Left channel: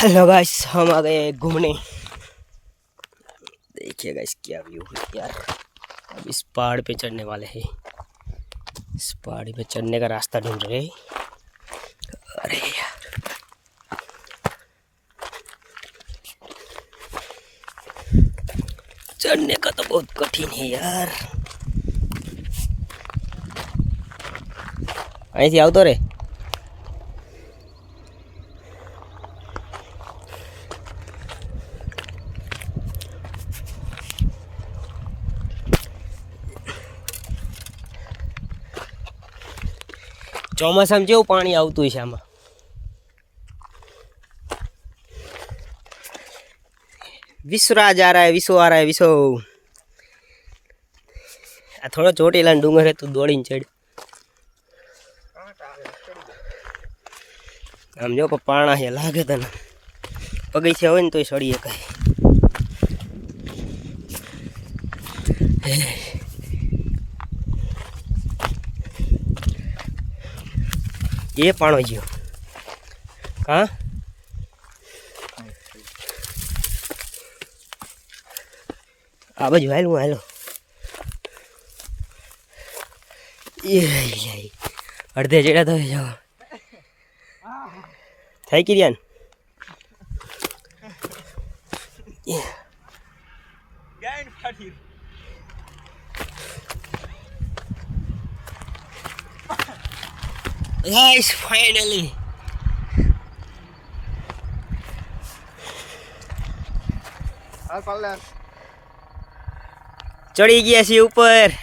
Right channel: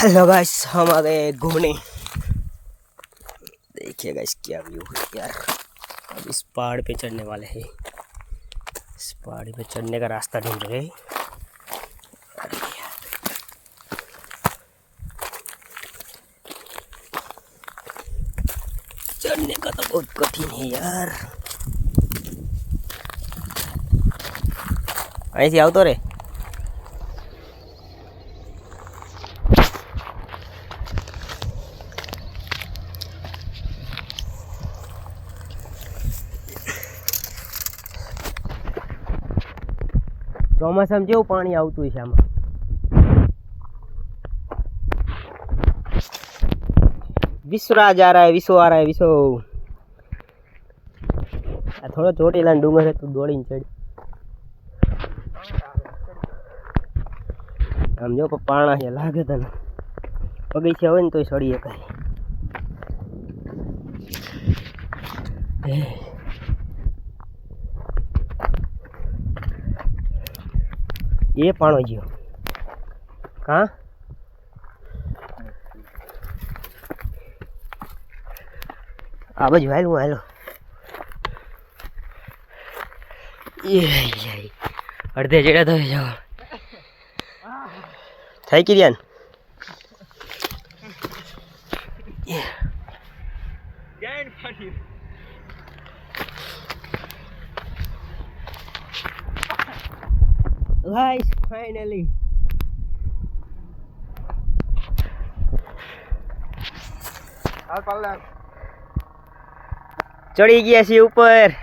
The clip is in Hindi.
हेलो गाइस, हम आ गए घूमने। देखिए गाइस क्या व्यू है यार। अब इस पहाड़ पे चढ़ने वाले हैं। इस पहाड़ पे चढ़ने का रास्ता ढूंढ रहे हैं। अरे यार, चढ़ने का तो बहुत कठिन है यार। ऐसे आओ तो रे। ચોમાસામાં જેવું પાણી આવતું છે આમાં। विश्वराज आ रहा है, विश्व आ रहा है, विश्व। आ थोड़ा ચોટીલા ડુંગર है तो दौड़ीने चढ़। આમ જો પાણા છે લાગે તને પગથિયા હોય ને તોય ચડી શકાય। ये पाणो ज्यो हाँ आ बाजू हालो हालो। ये अर्धे जेड़ा तो जाओ थाई की रियान। Guys, finally चढ़ी गया सी ऊपर।